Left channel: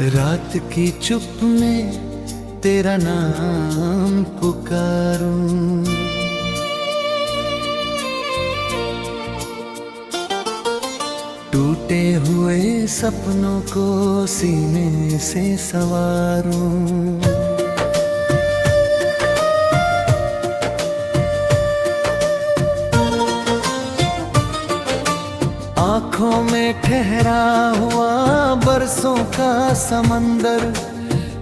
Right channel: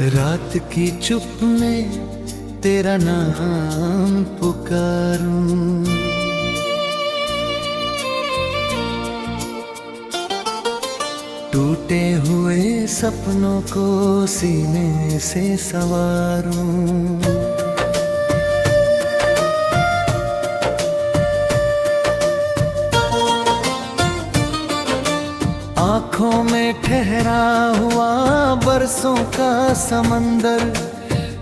रात की चुप में तेरा नाम पुकारूं, टूटे हुए सपनों को सीने से संवारूं। आँखों में ठहरा हुआ बरसों का समंदर,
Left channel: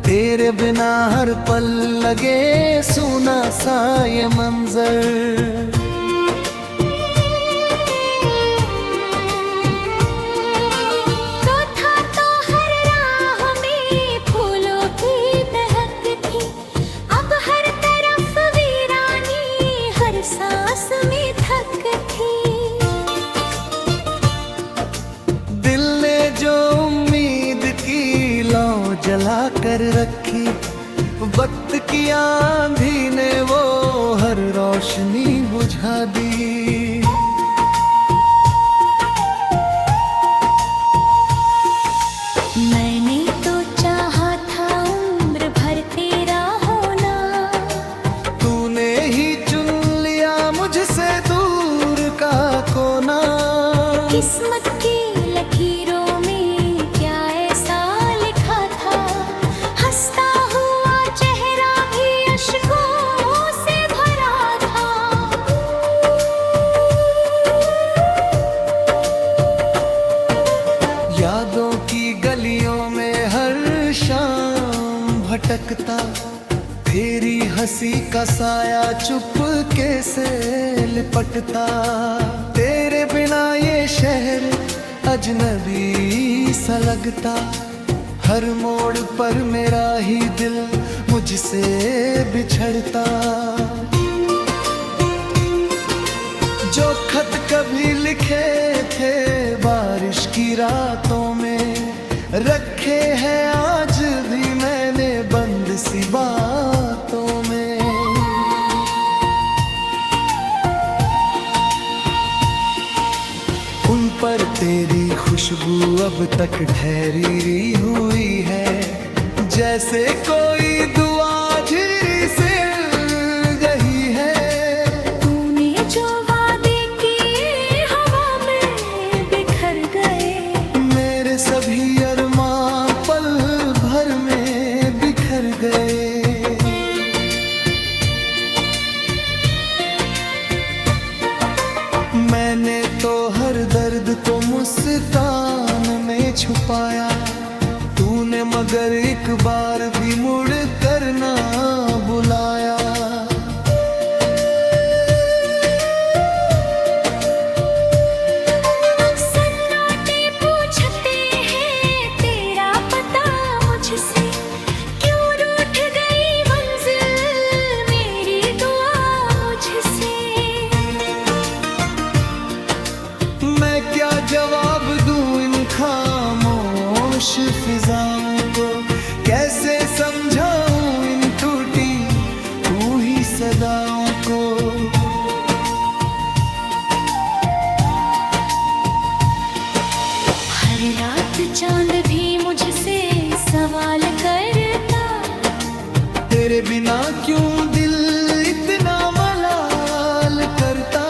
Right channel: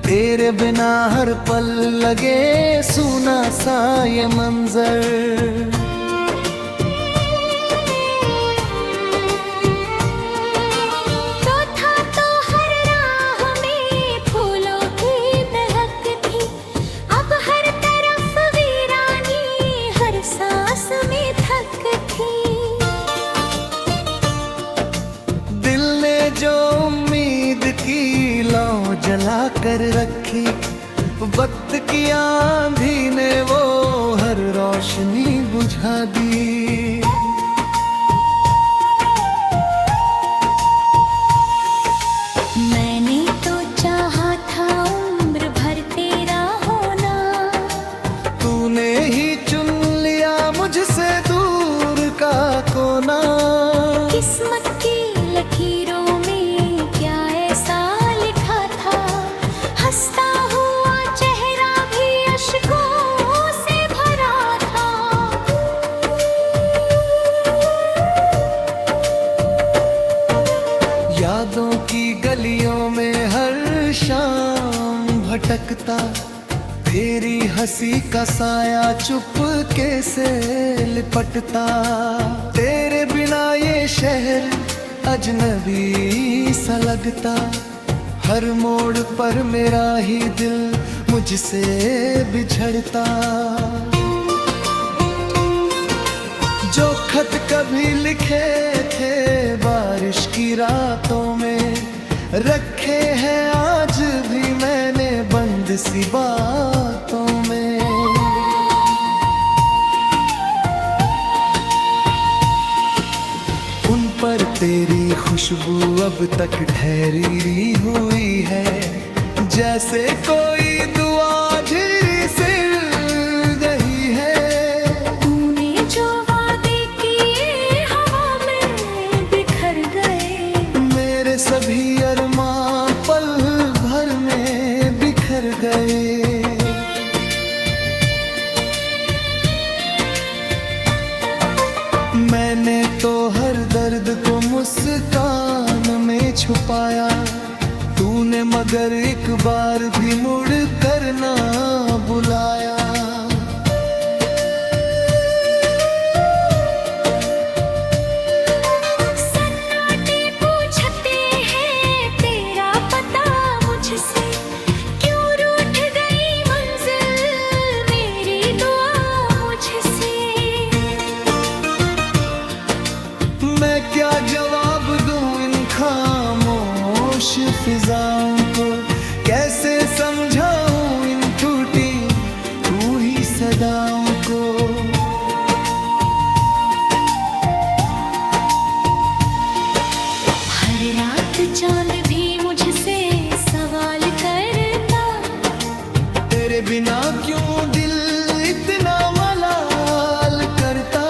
तेरे बिना हर पल लगे सूना सा ये मंजर। दिल ने जो उम्मीद की लौ जला कर रखी, वक्त की आंधी ने वो हर रोशनी बुझा दी। मैंने तो चाहा था उम्र भर तेरा होना, तूने ही चुन लिया मुझसे दूर का कोना। किस्मत की लकीरों में क्या ऐसा लिखा था, हंसता हुआ चेहरा भी अश्कों से भरा था। यादों की गलियों में हर शाम भटकता, तेरी हंसी का साया चुपके से लिपटता। तेरे बिना ये शहर अजनबी सा लगता, हर मोड़ पर मेरा ही दिल मुझसे बिछड़ता। जो खत कभी लिखे थे बारिश की रातों में, रखे हैं आज भी मैंने बंद सी बातों में। उन पर तेरी खुशबू अब तक ठहरी हुई है, जैसे कोई दुआ झिरी से गई है। तूने जो वादे किए हवा में बिखर गए, मेरे सभी अरमां पल भर में बिखर गए। मैंने तो हर दर्द को मुस्कान में छुपाया, तूने मगर एक बार भी मुड़ कर ना बुलाया। सन्नाटे पूछते हैं तेरा पता मुझसे, क्यों रूठ गई मंजिल मेरी दुआ मुझसे। मैं क्या जवाब दूं इन खामोश फिजाओं को, कैसे समझाऊं इन टूटी तू ही सदाओं को। हर रात चांद भी मुझसे सवाल करता, तेरे बिना क्यों दिल इतना मलाल करता।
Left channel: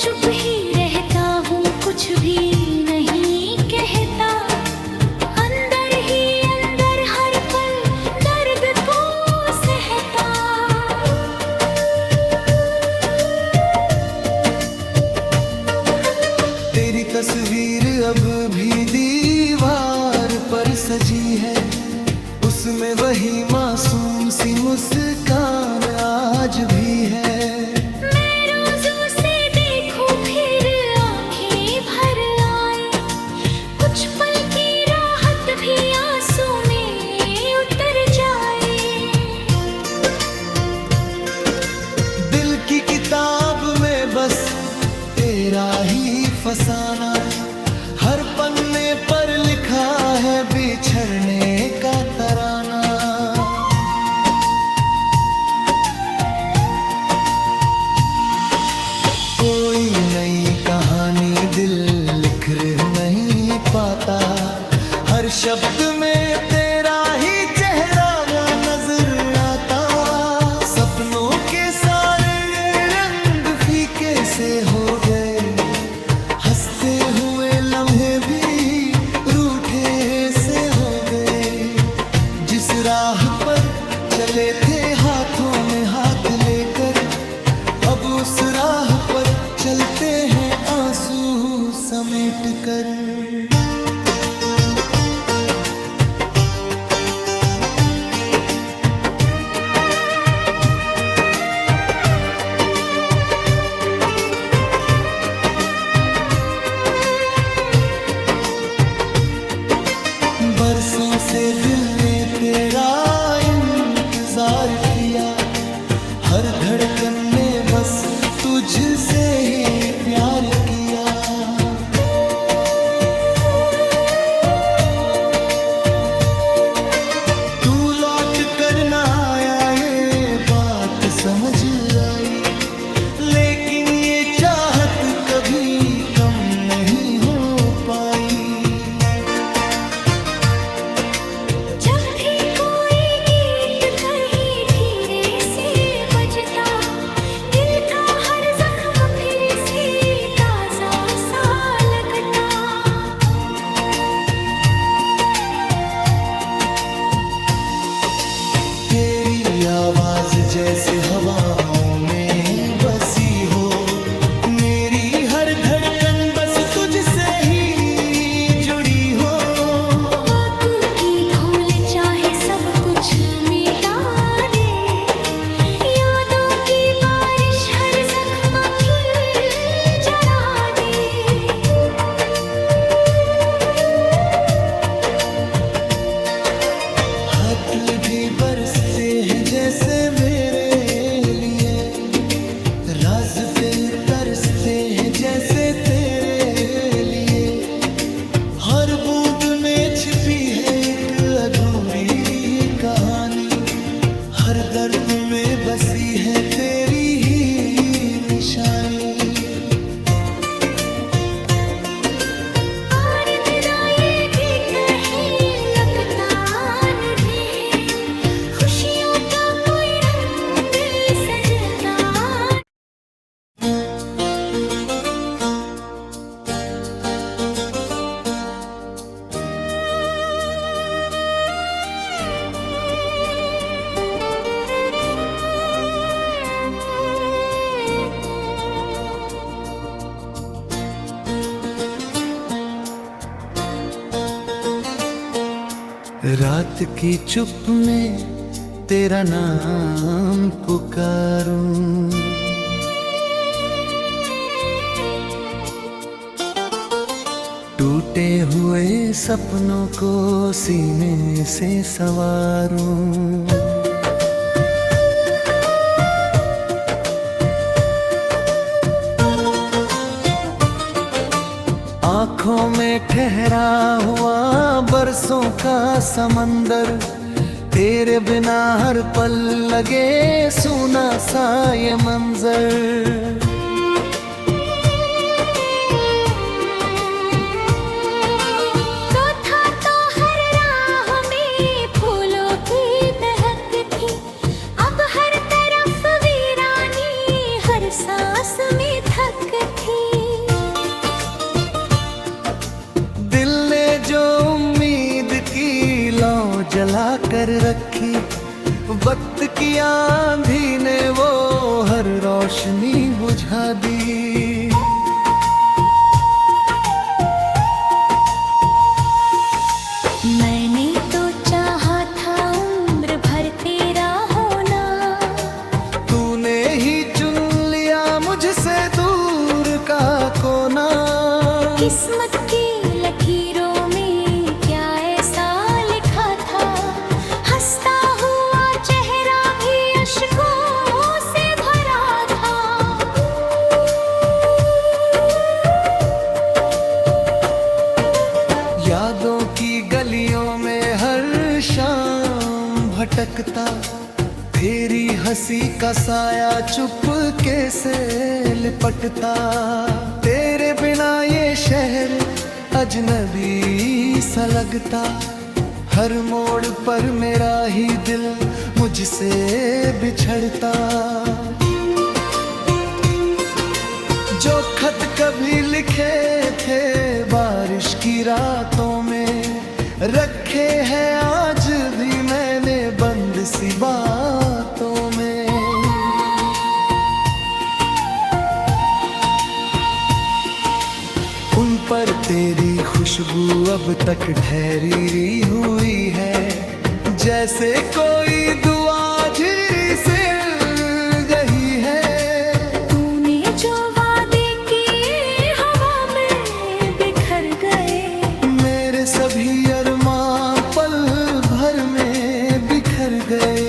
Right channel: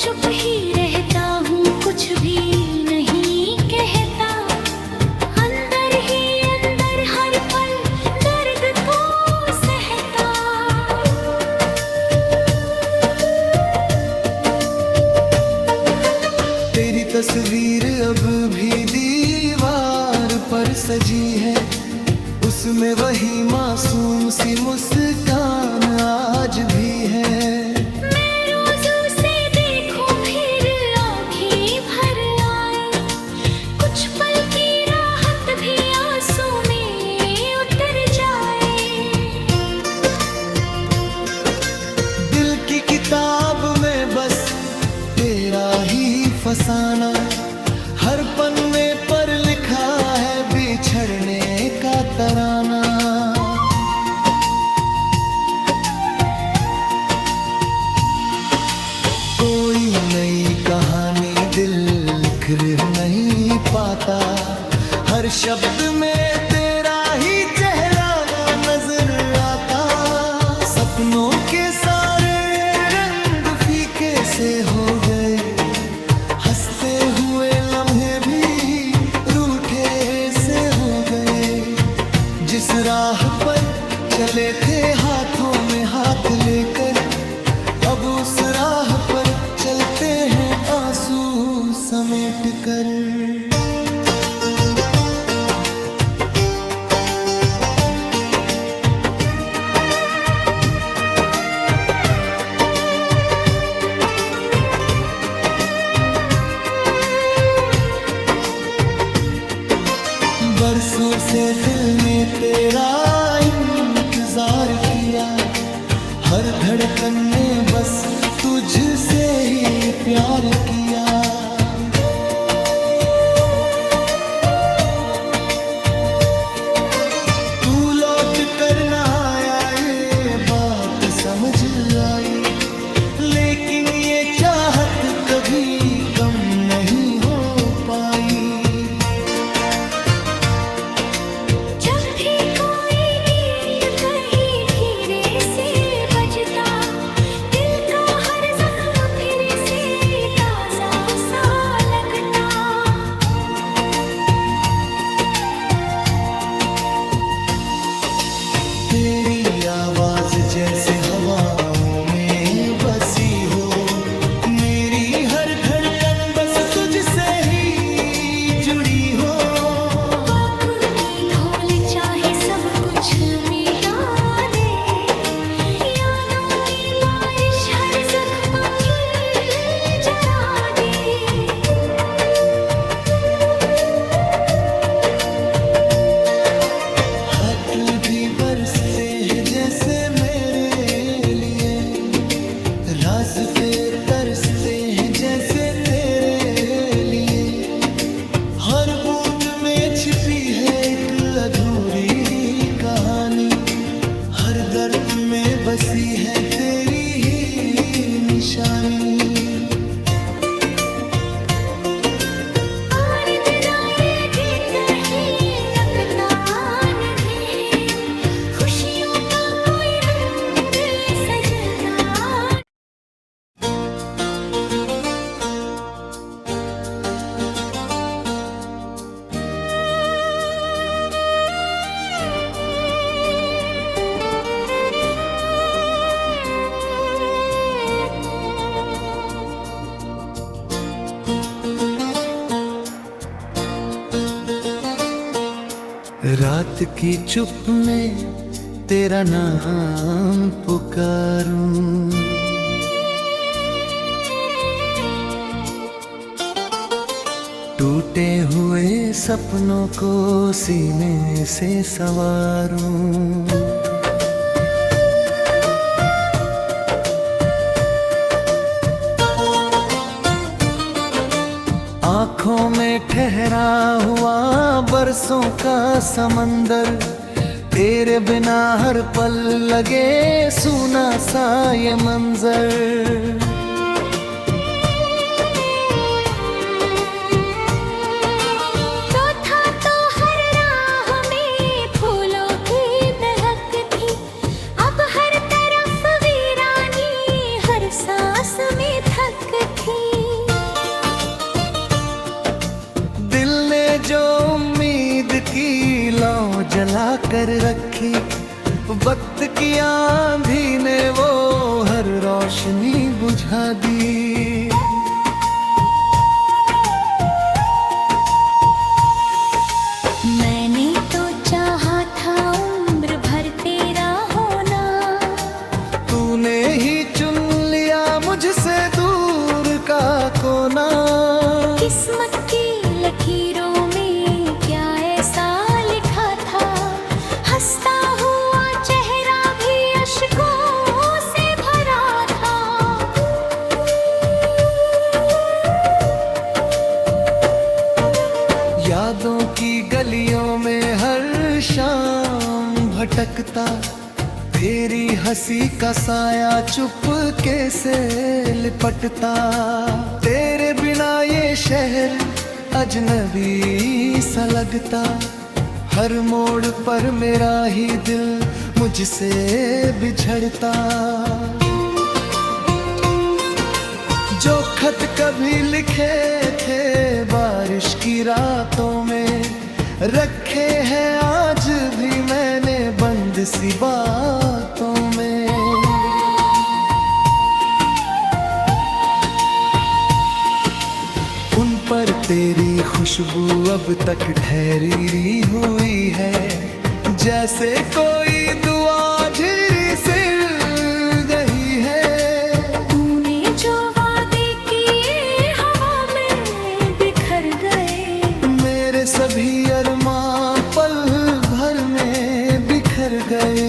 चुप ही रहता हूँ कुछ भी नहीं कहता, अंदर ही अंदर हर पल दर्द तो सहता। तेरी तस्वीर अब भी दीवार पर सजी है, उसमें वही मासूम सी मुस्कान आज भी है। दिल की किताब में बस तेरा ही फसाना, हर पन्ने पर लिखा है बिछड़ने का तराना। कोई नई कहानी दिल लिख नहीं पाता, हर शब्द में तेरा ही चेहरा नजर आता। सपनों के सारे रंग फीके से हो गए, हंसते हुए लम्हे भी रूठे से हो गए। जिस राह पर चले थे हाथों में हाथ लेकर, अब उस राह पर चलते हैं आंसू समेट कर। बरसों से दिल ने तेरा इंतजार किया, हर धड़कन ने बस तुझसे ही प्यार किया। तू लौट कर ना आया ये बात समझ आई, लेकिन ये चाहत कभी कम नहीं हो पाई। जब भी कोई गीत कहीं धीरे से बजता, दिल का हर जख्म फिर से ताजा सा लगता। तेरी आवाज जैसे हवाओं में बसी हो, मेरी हर धड़कन बस तुझसे ही जुड़ी हो। चाहे सब कुछ मिटा दे, यादों की बारिश हर जख्म फिर जला दे। खत भी बरसते हैं जैसे मेरे लिए, रास्ते तरसते हैं जैसे तेरे लिए। हर बूंद में छिपी है एक अधूरी कहानी, हर दर्द में बसी है तेरी ही निशानी। और तेरा ये भी कहीं लगता नहीं है, खुशियों का कोई रंग सजता। रात की चुप में तेरा नाम पुकारूं, टूटे हुए सपनों को सीने से संवारूं। आँखों में ठहरा हुआ बरसों का समंदर, तेरे बिना हर पल लगे सूना सा ये मंजर। तो था तो हर राह में फूलों की महक थी, अब हर तरफ वीरानी हर सांस में थक थी। जो उम्मीद की लौ जला कर रखी, वक्त की आंधी ने वो हर रोशनी बुझा दी। मैंने तो चाहा था उम्र भर तेरा होना, तूने ही चुन लिया मुझसे दूर का कोना। किस्मत की लकीरों में क्या ऐसा लिखा था, हंसता हुआ चेहरा भी अश्कों से भरा था। यादों की गलियों में हर शाम भटकता, तेरी हंसी का साया चुपके से लिपटता। तेरे बिना ये शहर अजनबी सा लगता, हर मोड़ पर मेरा ही दिल मुझसे बिछड़ता। जो खत कभी लिखे थे बारिश की रातों में, रखे हैं आज भी मैंने बंद सी बातों में। उन पर तेरी खुशबू अब तक ठहरी हुई है, जैसे कोई दुआ झिरी से गई है। तूने जो वादे किए हवा में बिखर गए, मेरे सभी अरमां पल भर में बिखर गए।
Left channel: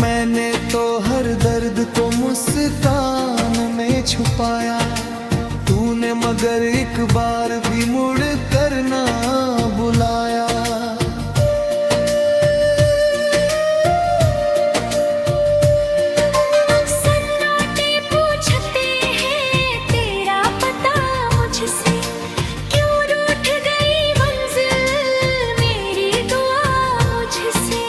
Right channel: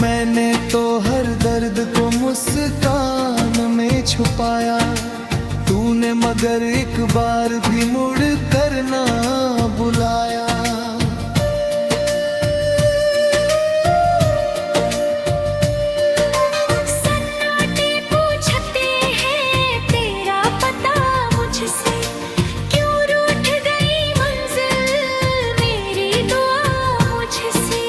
मैंने तो हर दर्द को मुस्कान में छुपाया, तूने मगर एक बार भी मुड़ कर ना बुलाया। सन्नाटे पूछते हैं तेरा पता मुझसे, क्यों रूठ गई मंजिल मेरी दुआ मुझसे।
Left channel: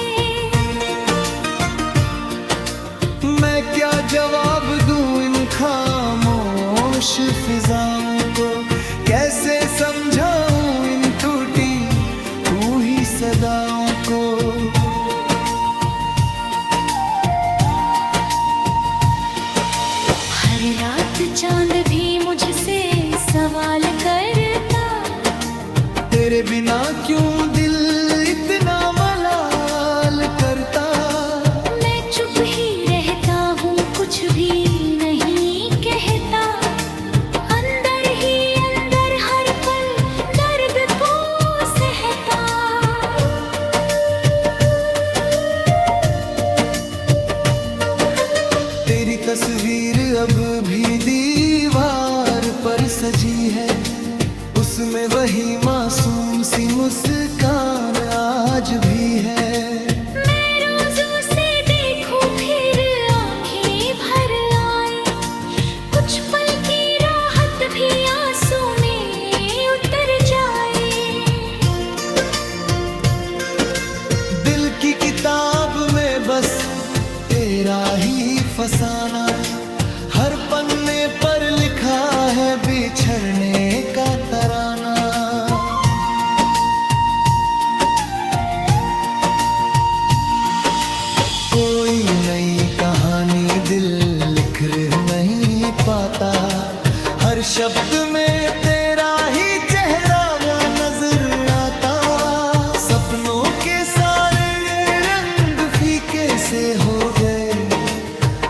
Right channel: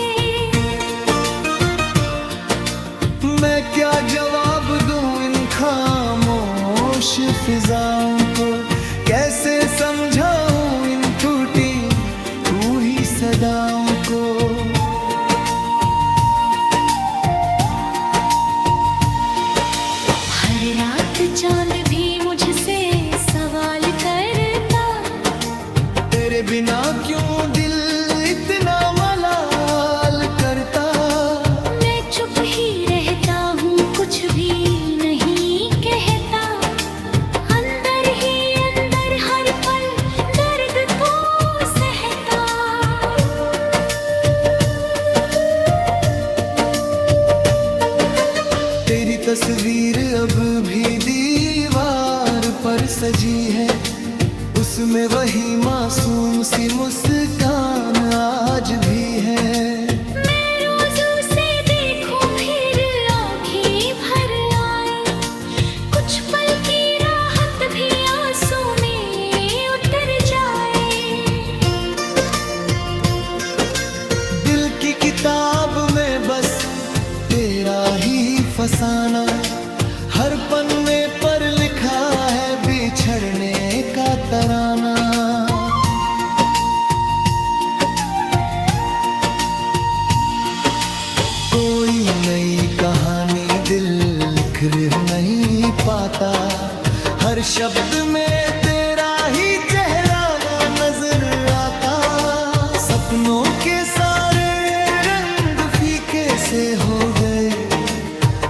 मैं क्या जवाब दूं इन खामोश फिजाओं को, कैसे समझाऊं इन टूटी रूही सदाओं को। हर रात चांद भी मुझसे सवाल करता, तेरे बिना क्यों दिल इतना मलाल करता। चुप ही रहता हूँ, कुछ भी नहीं कहता, अंदर ही अंदर हर पल दर्द तो सहता। तेरी तस्वीर अब भी दीवार पर सजी है, उसमें वही मासूम सी मुस्कान आज भी है। की किताब में बस तेरा ही फसाना, हर पन्ने पर लिखा है बिछड़ने का तराना। कोई नई कहानी दिल लिख नहीं पाता, हर शब्द में तेरा ही चेहरा नजर आता। सपनों के सारे रंग फीके से हो गए,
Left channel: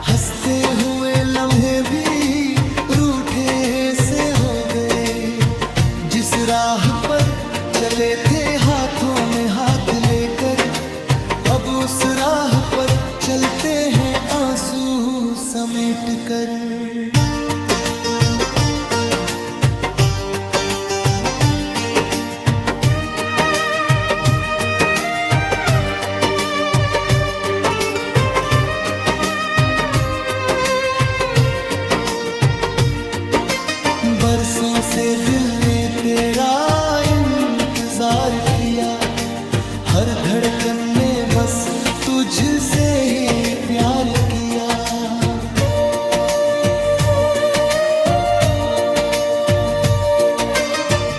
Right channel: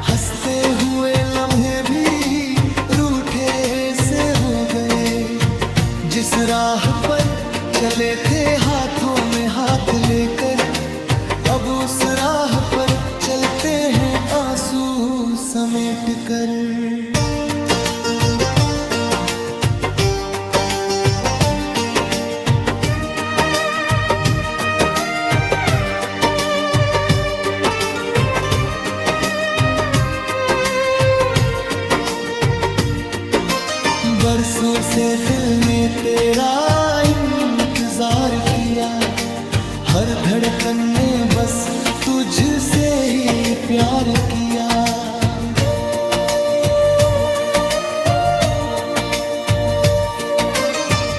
हंसते हुए लम्हे भी रूठे से हो गए। जिस राह पर चले थे हाथों में हाथ लेकर, अब उस राह पर चलते हैं आंसू समेट कर। बरसों से दिल ने तेरा इंतजार किया, हर धड़कन ने बस तुझसे ही प्यार किया।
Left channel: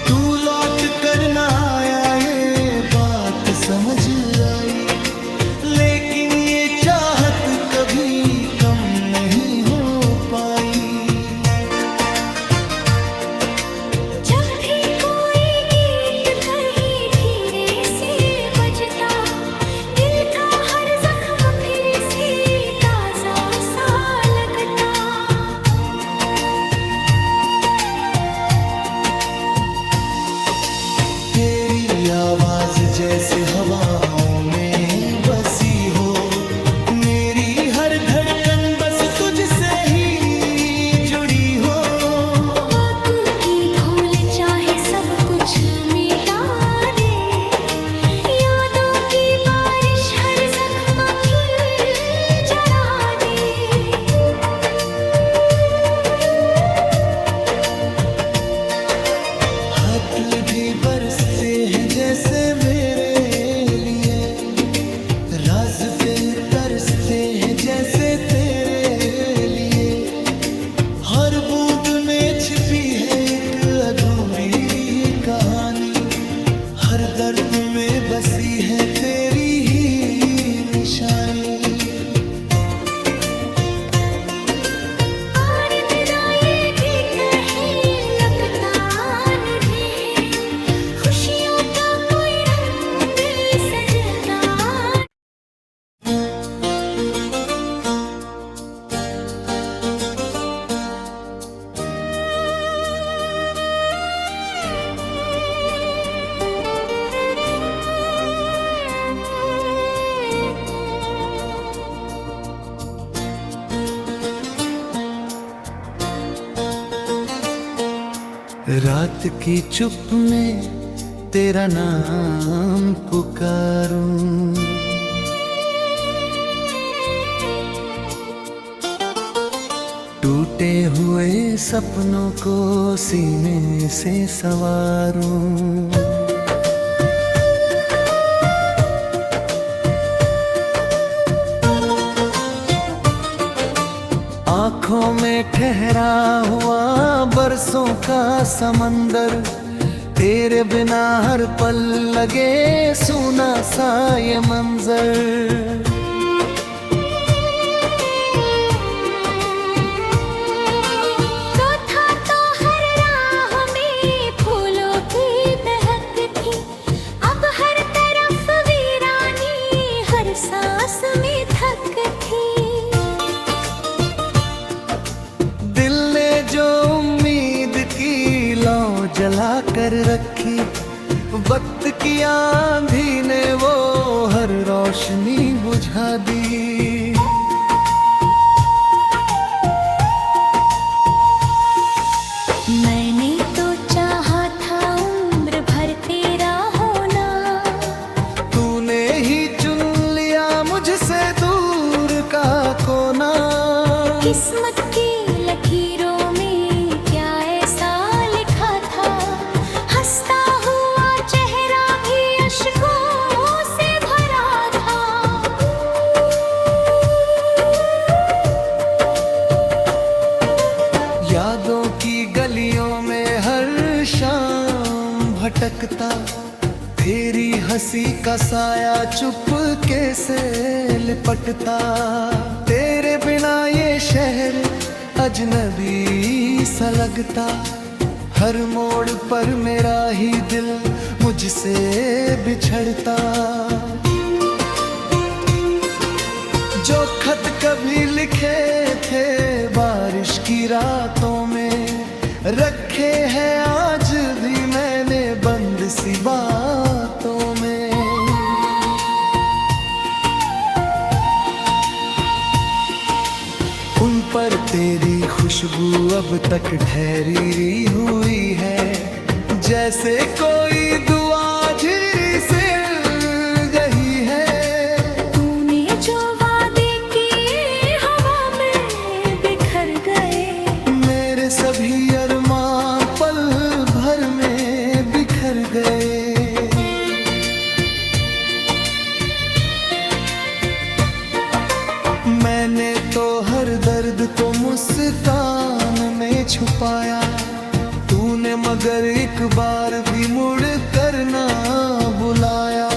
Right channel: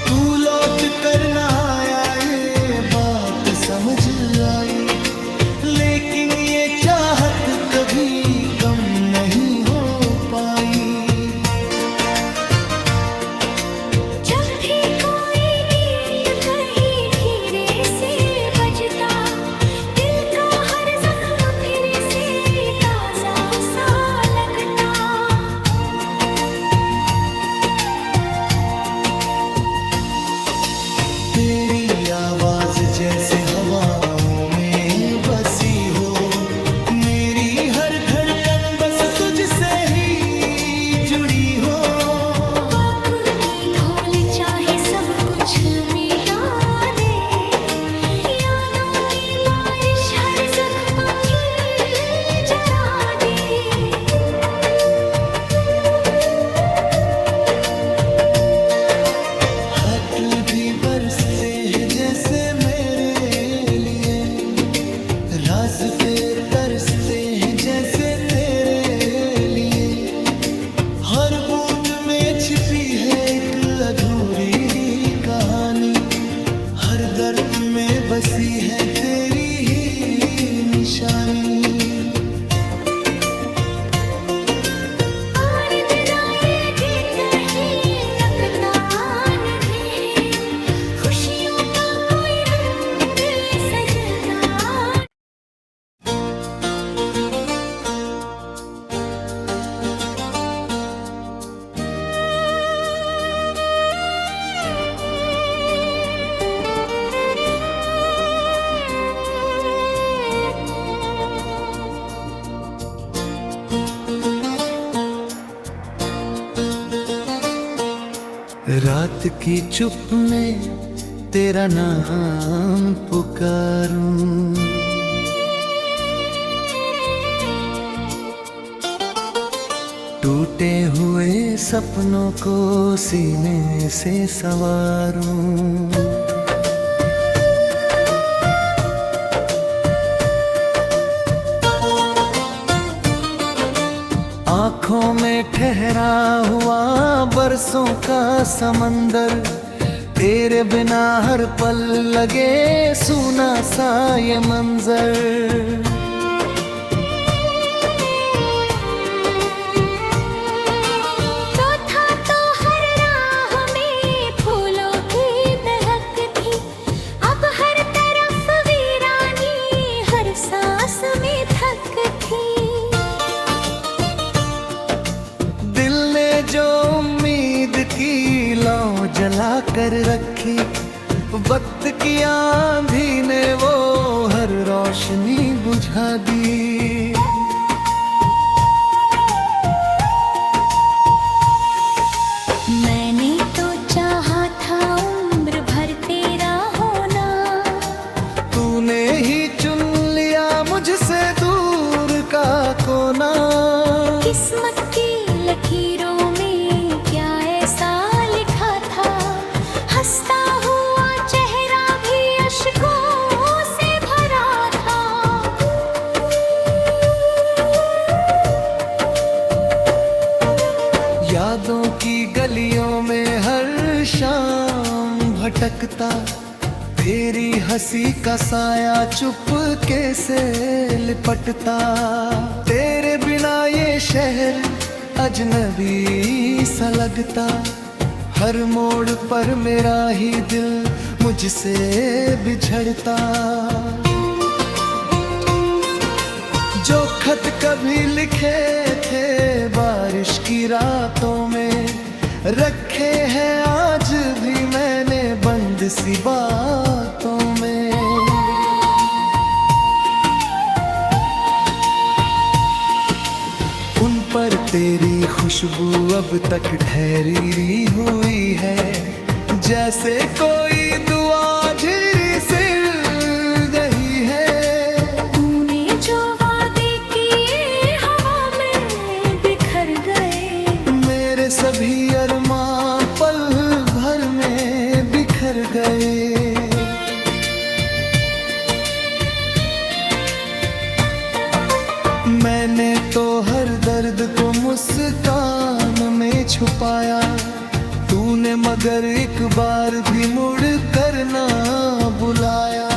तू लौट कर ना आया ये बात समझ आई, लेकिन ये चाहत कभी कम नहीं हो पाई। जब भी कोई गीत कहीं धीरे से बजता, दिल का हर जख्म फिर से ताजा सा लगता। तेरी आवाज जैसे हवाओं में बसी हो, मेरी हर धड़कन बस तुझसे ही जुड़ी हो। चाहे सब कुछ मिटा दे, यादों की बारिश हर जख्म खिल जला दे। जैसे मेरे लिए, रास्ते तरसते हैं जैसे तेरे लिए। हर बूंद में छिपी है एक अधूरी कहानी, हर दर्द में बसी है तेरी ही निशानी। रात की चुप में तेरा नाम पुकारूं, टूटे हुए सपनों को सीने से संवारूं। आँखों में ठहरा हुआ बरसों का समंदर, तेरे बिना हर पल लगे सूना सा ये मंजर। तो था तो हर राह में फूलों की महक थी, अब हर तरफ वीरानी हर सांस में थक थी। जो उम्मीद की लौ जला कर रखी, वक्त की आंधी ने वो हर रोशनी बुझा दी। मैंने तो चाहा था उम्र भर तेरा होना, तूने ही चुन लिया मुझसे दूर का कोना। किस्मत की लकीरों में क्या ऐसा लिखा था, हंसता हुआ चेहरा भी अश्कों से भरा था। यादों की गलियों में हर शाम भटकता, तेरी हंसी का साया चुपके से लिपटता। तेरे बिना ये शहर अजनबी सा लगता, हर मोड़ पर मेरा ही दिल मुझसे बिछड़ता। जो खत कभी लिखे थे बारिश की रातों में, रखे हैं आज भी मैंने बंद सी बातों में। उन पर तेरी खुशबू अब तक ठहरी हुई है, जैसे कोई दुआ झिरी से गई है। तूने जो वादे किए हवा में बिखर गए, मेरे सभी अरमां पल भर में बिखर गए। मैंने तो हर दर्द को मुस्कान में छुपाया, तूने मगर एक बार भी मुड़ कर ना बुलाया।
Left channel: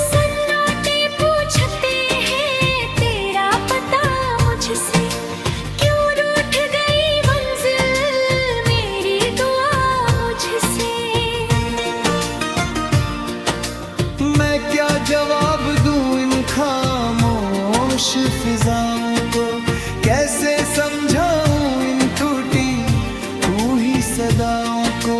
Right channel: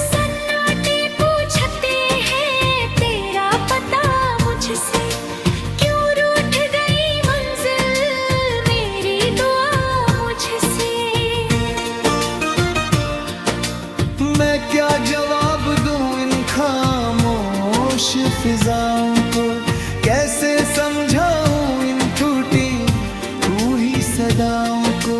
सन्नाटे पूछते हैं तेरा पता मुझसे, क्यों रूठ गई मंजिल मेरी दुआ मुझसे। मैं क्या जवाब दूं इन खामोश फिजाओं को, कैसे समझाऊं इन टूटी तू ही सदाओं को।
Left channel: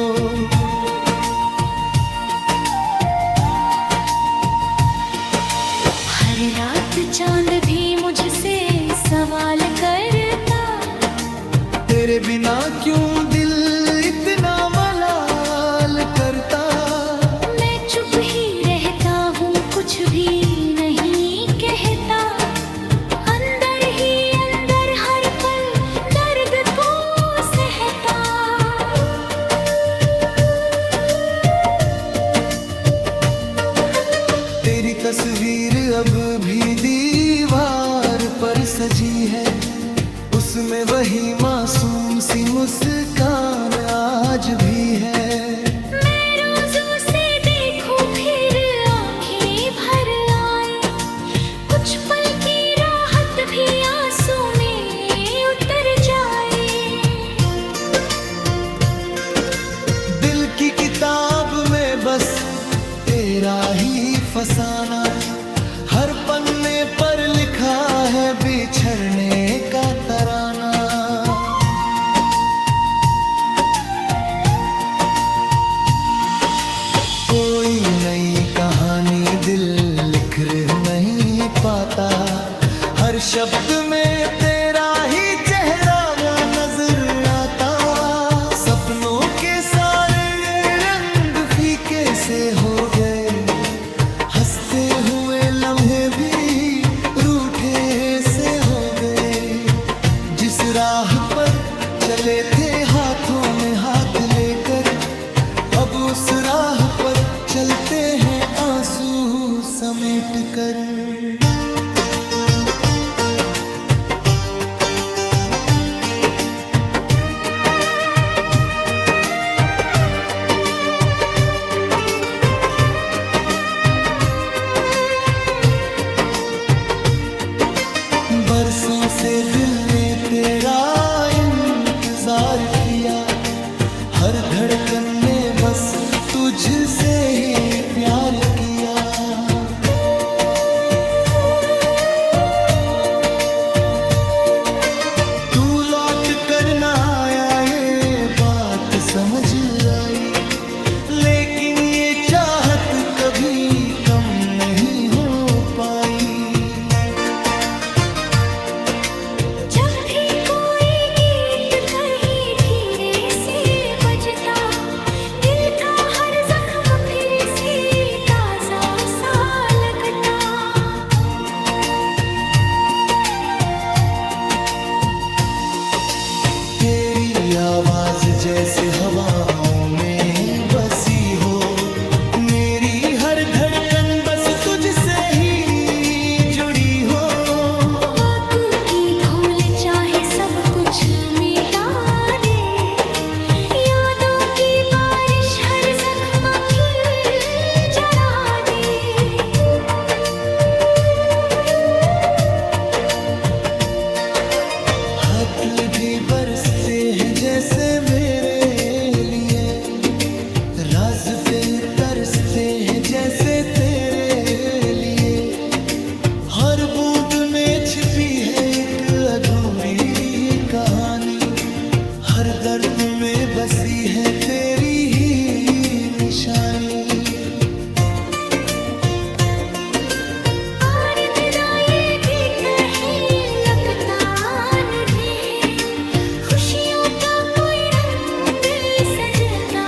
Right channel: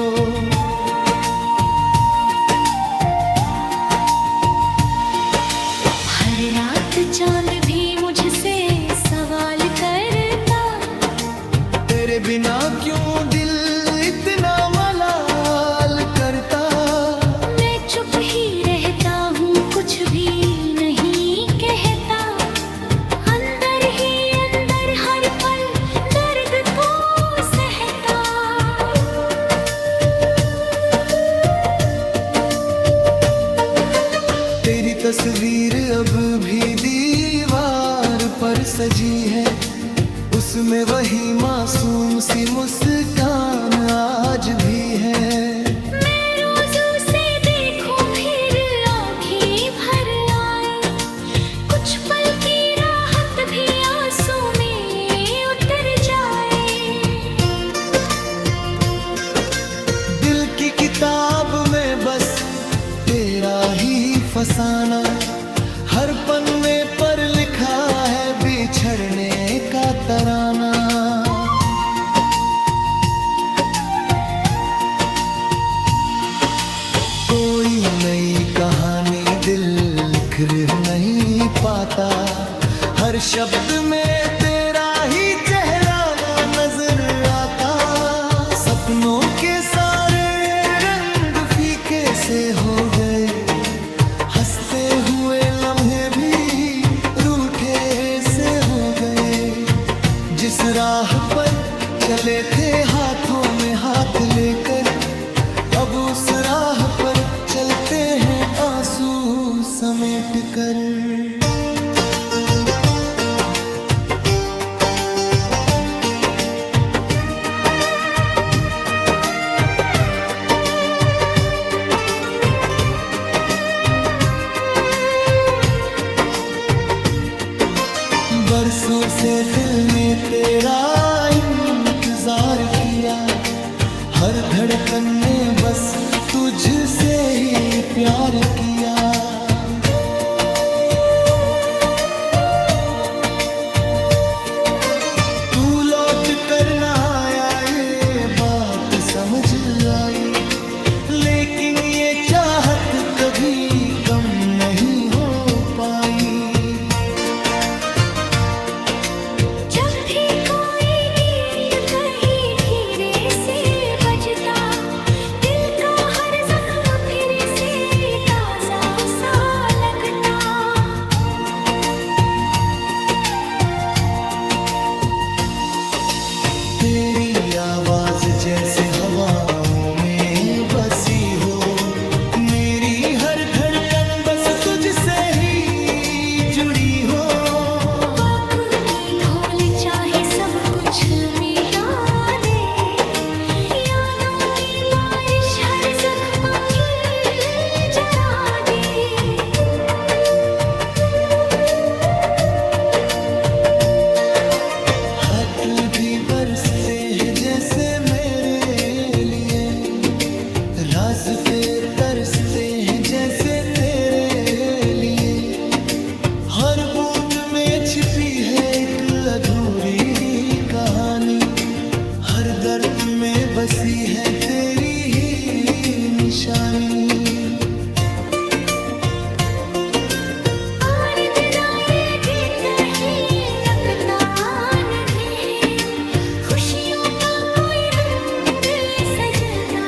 हर रात चांद भी मुझसे सवाल करता, तेरे बिना क्यों दिल इतना मलाल करता। मैं चुप ही रहता हूँ कुछ भी नहीं कहता, अंदर ही अंदर हर पल दर्द को तेरी तस्वीर अब भी दीवार पर सजी है, उसमें वही मासूम सी मुस्कान आज भी है। मैं रोज़ों से देखूं फिर आंखें भर आए, कुछ पल की राहत भी आंसू में उतर जाए। दिल की किताब में बस तेरा ही फसाना, हर पन्ने पर लिखा है बिछड़ने का तराना। कोई नई कहानी दिल लिख नहीं पाता, हर शब्द में तेरा ही चेहरा नजर आता। सपनों के सारे रंग फीके से हो गए, हंसते हुए लम्हे भी रूठे से हो गए। जिस राह पर चले थे हाथों में हाथ लेकर, अब उस राह पर चलते हैं आंसू समेट कर। बरसों से दिल ने तेरा इंतजार किया, हर धड़कन ने बस तुझसे ही प्यार किया। तू लौट कर ना आया ये बात समझ आई, लेकिन ये चाहत कभी कम नहीं हो पाई। जब भी कोई गीत कहीं धीरे से बजता, दिल का हर जख्म फिर से ताजा सा लगता। तेरी आवाज जैसे हवाओं में बसी हो, मेरी हर धड़कन बस तुझसे ही जुड़ी हो। चाहे सब कुछ मिटा दे, यादों की बारिश हर जख्म की जला दे। खत भी बरसते हैं जैसे मेरे लिए, रास्ते तरसते हैं जैसे तेरे लिए। हर बूंद में छिपी है एक अधूरी कहानी, हर दर्द में बसी है तेरी ही निशानी। और तेरा ये भी कहीं लगता नहीं है, खुशियों का कोई रंग सजता।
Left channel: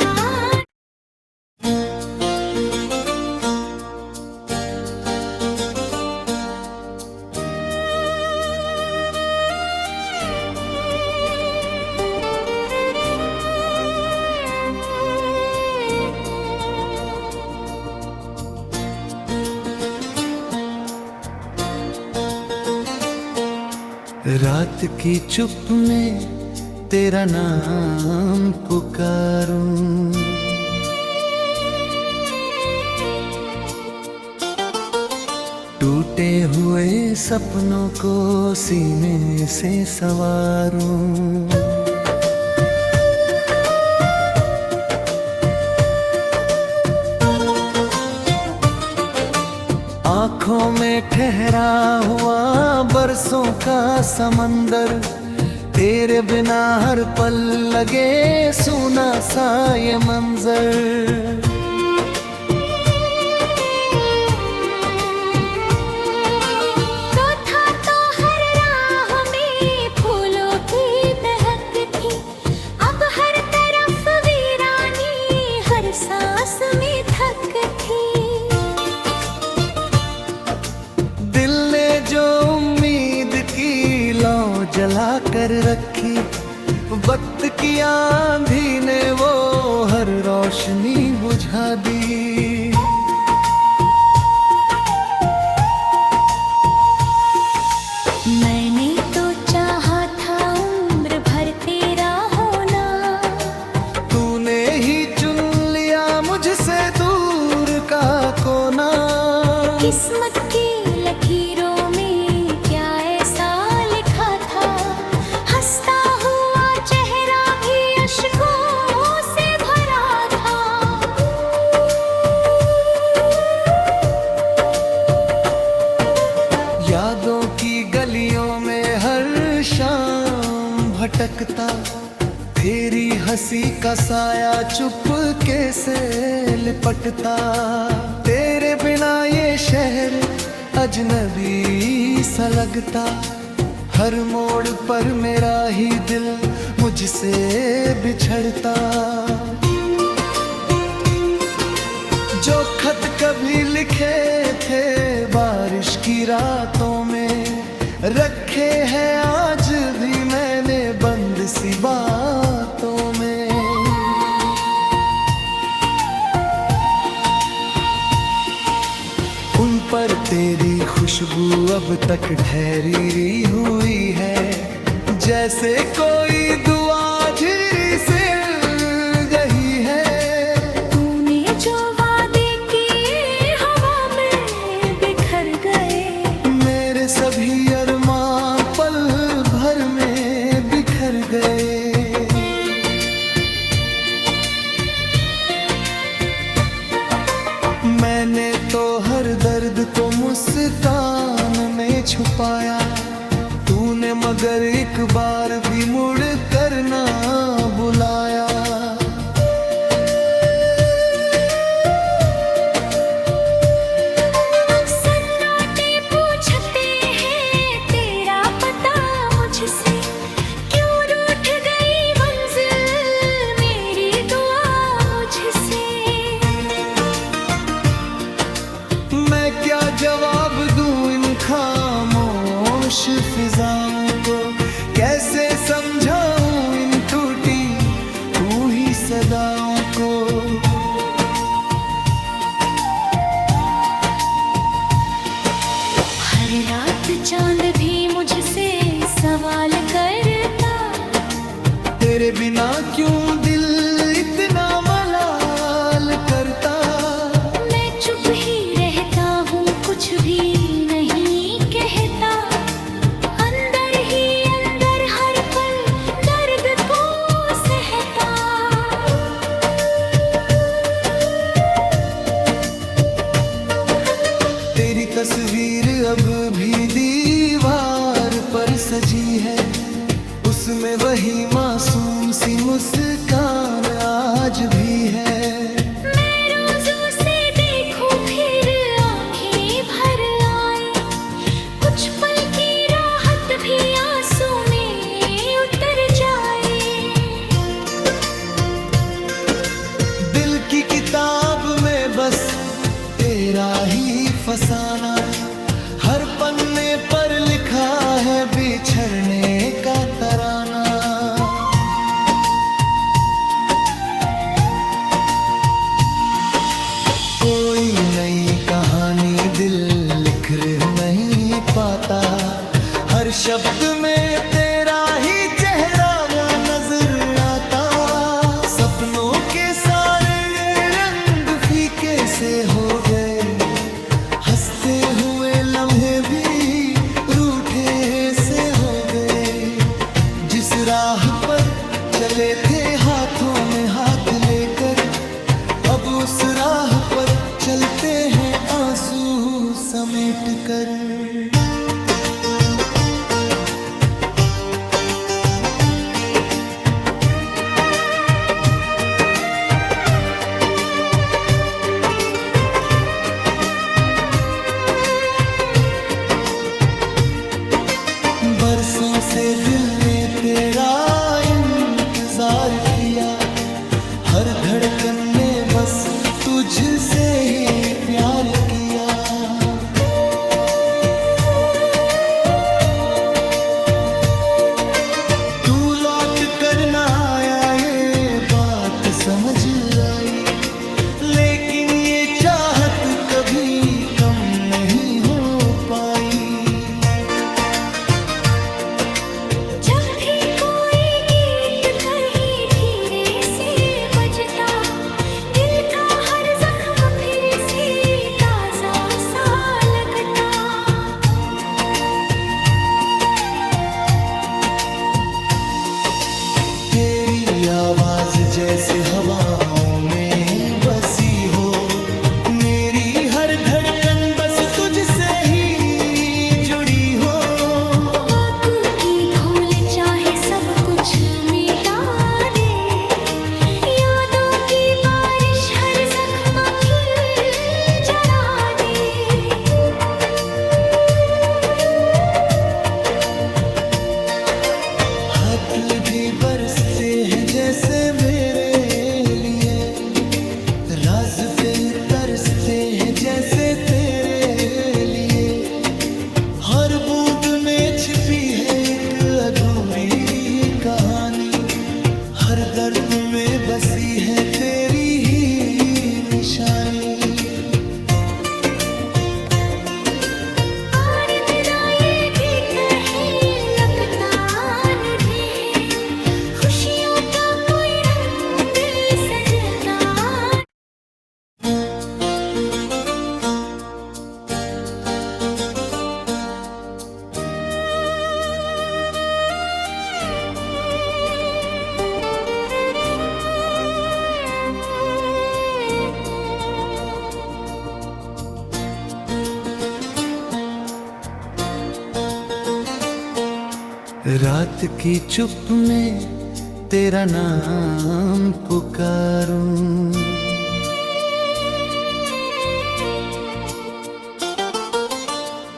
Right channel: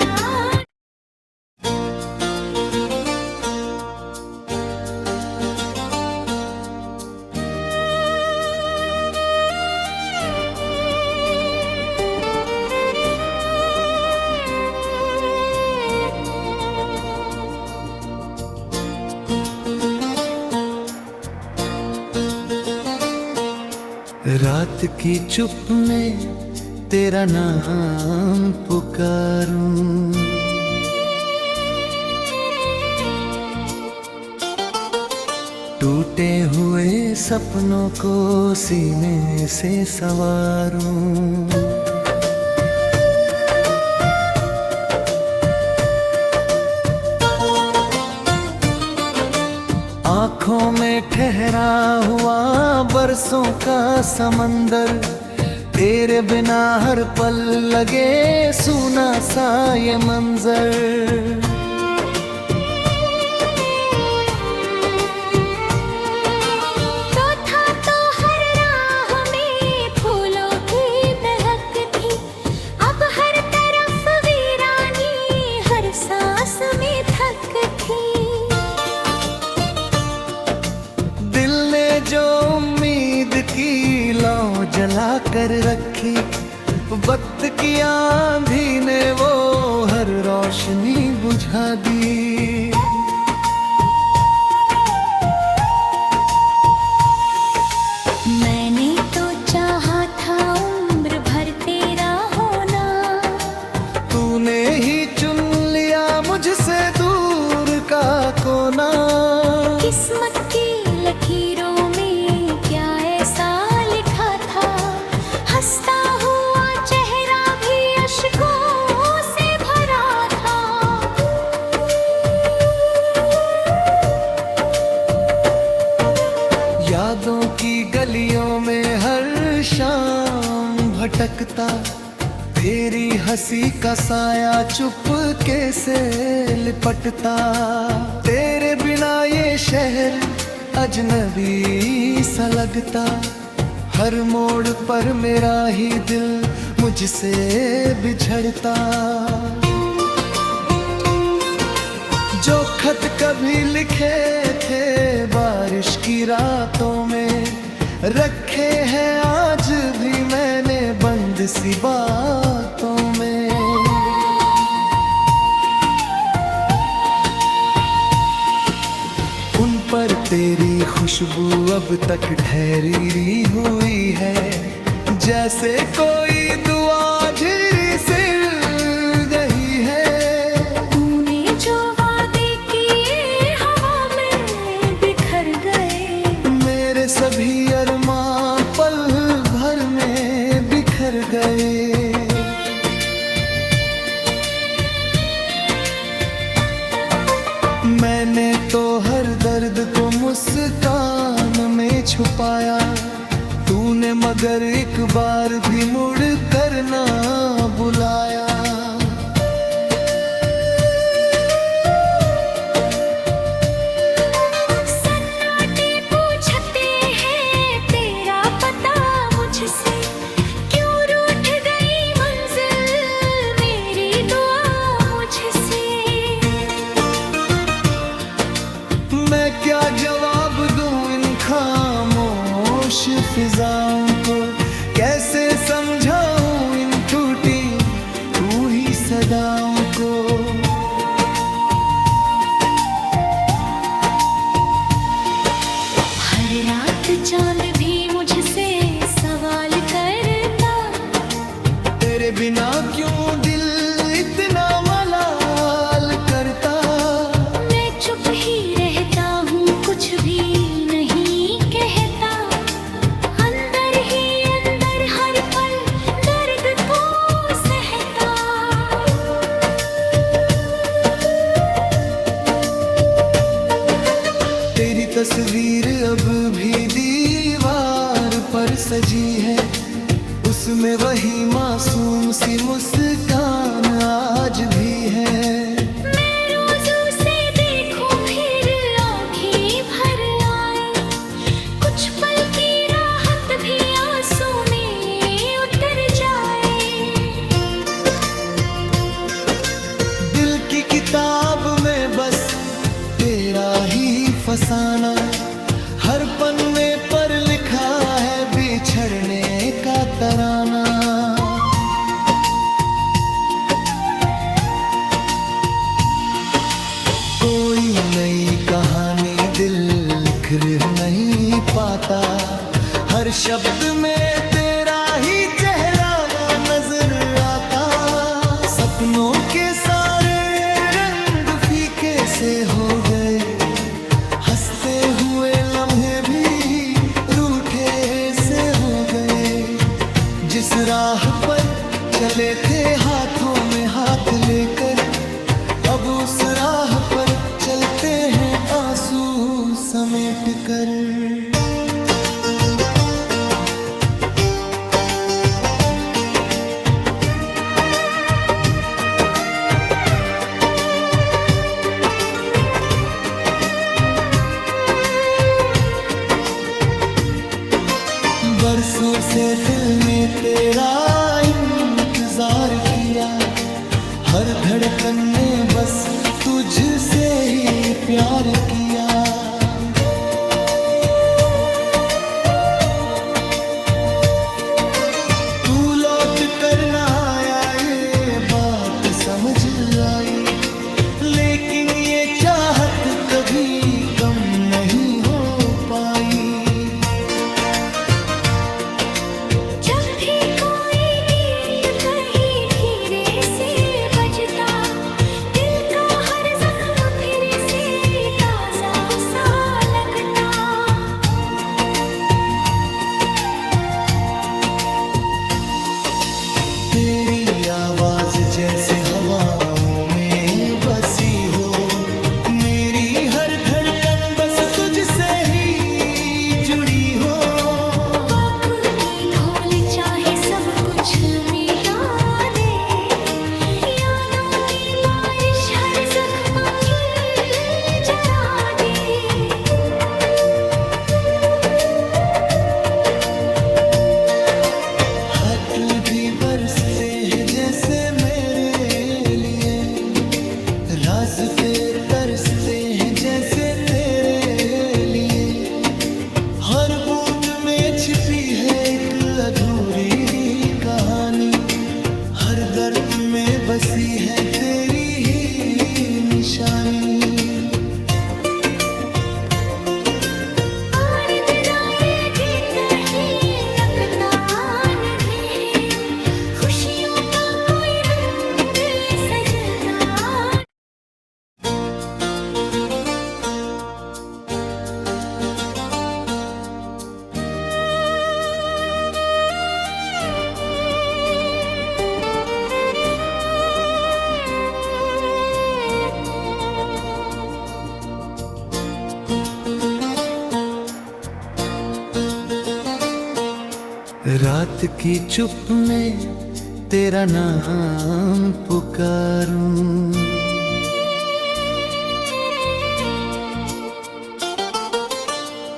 रात की चुप में तेरा नाम पुकारूं, टूटे हुए सपनों को सीने से संवारूं। आँखों में ठहरा हुआ बरसों का समंदर, तेरे बिना हर पल लगे सूना सा ये मंजर। तो था तो हर राह में फूलों की महक थी, अब हर तरफ वीरानी हर सांस में थक थी। दिल ने जो उम्मीद की लौ जला कर रखी, वक्त की आंधी ने वो हर रोशनी बुझा दी। मुझसे दूर का कोना। किस्मत की लकीरों में क्या ऐसा लिखा था, हंसता हुआ चेहरा भी अश्कों से भरा था। यादों की गलियों में हर शाम भटकता, तेरी हंसी का साया चुपके से लिपटता। तेरे बिना ये शहर अजनबी सा लगता, हर मोड़ पर मेरा ही दिल मुझसे बिछड़ता। जो खत कभी लिखे थे बारिश की रातों में, रखे हैं आज भी मैंने बंद सी बातों में। उन पर तेरी खुशबू अब तक ठहरी हुई है, जैसे कोई दुआ झिरी से गई है। तूने जो वादे किए हवा में बिखर गए, मेरे सभी अरमां पल भर में बिखर गए। मैंने तो हर दर्द को मुस्कान में छुपाया, तूने मगर एक बार भी मुड़ कर ना बुलाया। सन्नाटे पूछते हैं तेरा पता मुझसे, क्यों रूठ गई मंजिल मेरी दुआ मुझसे। मैं क्या जवाब दूं इन खामोश फिजाओं को, कैसे समझाऊं इन टूटी रूही सदाओं को। हर रात चांद भी मुझसे सवाल करता, तेरे बिना क्यों दिल इतना मलाल करता। मैं चुप ही रहता हूँ कुछ भी नहीं कहता, अंदर ही अंदर हर पल दर्द को सहता। तेरी तस्वीर अब भी दीवार पर सजी है, उसमें वही मासूम सी मुस्कान आज भी है। मैं रोज उसे देखूं फिर आंखें भर आए, कुछ पल की राहत भी आंसू में उतर जाए। दिल की किताब में बस तेरा ही फसाना, हर पन्ने पर लिखा है बिछड़ने का तराना। कोई नई कहानी दिल लिख नहीं पाता, हर शब्द में तेरा ही चेहरा नजर आता। सपनों के सारे रंग फीके से हो गए, हंसते हुए लम्हे भी रूठे से हो गए। जिस राह पर चले थे हाथों में हाथ लेकर, अब उस राह पर चलते हैं आंसू समेट कर। बरसों से दिल ने तेरा इंतजार किया, हर धड़कन ने बस तुझसे ही प्यार किया। तू लौट कर ना आया ये बात समझ आई, लेकिन ये चाहत कभी कम नहीं हो पाई। जब भी कोई गीत कहीं धीरे से बजता, दिल का जैसे हवाओं में बसी हो। मेरी हर धड़कन बस तुझसे ही जुड़ी हो। वक्त की धूल चाहे सब कुछ मिटा दे, यादों की बारिश हर जख्म की जला दे। खत भी बरसते हैं जैसे मेरे लिए, रास्ते तरसते हैं जैसे तेरे लिए। हर बूंद में छिपी है एक अधूरी कहानी, हर दर्द में बसी है तेरी ही निशानी। रात की चुप में तेरा नाम पुकारूं,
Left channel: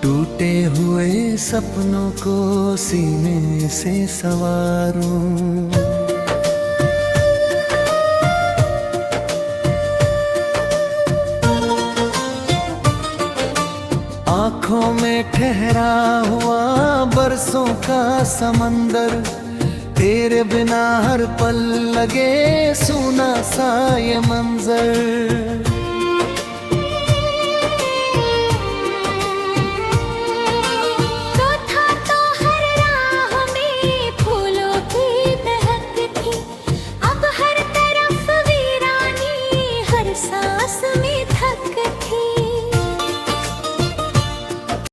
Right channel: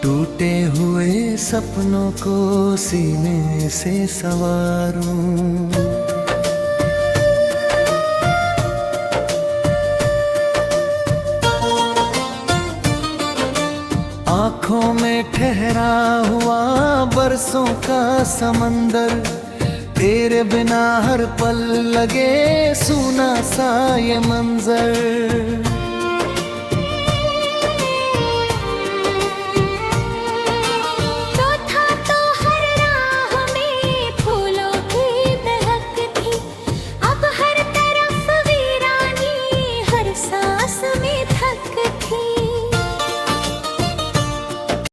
टूटे हुए सपनों को सीने से संवारूं। आँखों में ठहरा हुआ बरसों का समंदर, तेरे बिना हर पल लगे सूना सा ये मंजर। तो था तो हर राह में फूलों की महक थी, अब हर तरफ वीरानी, हर सा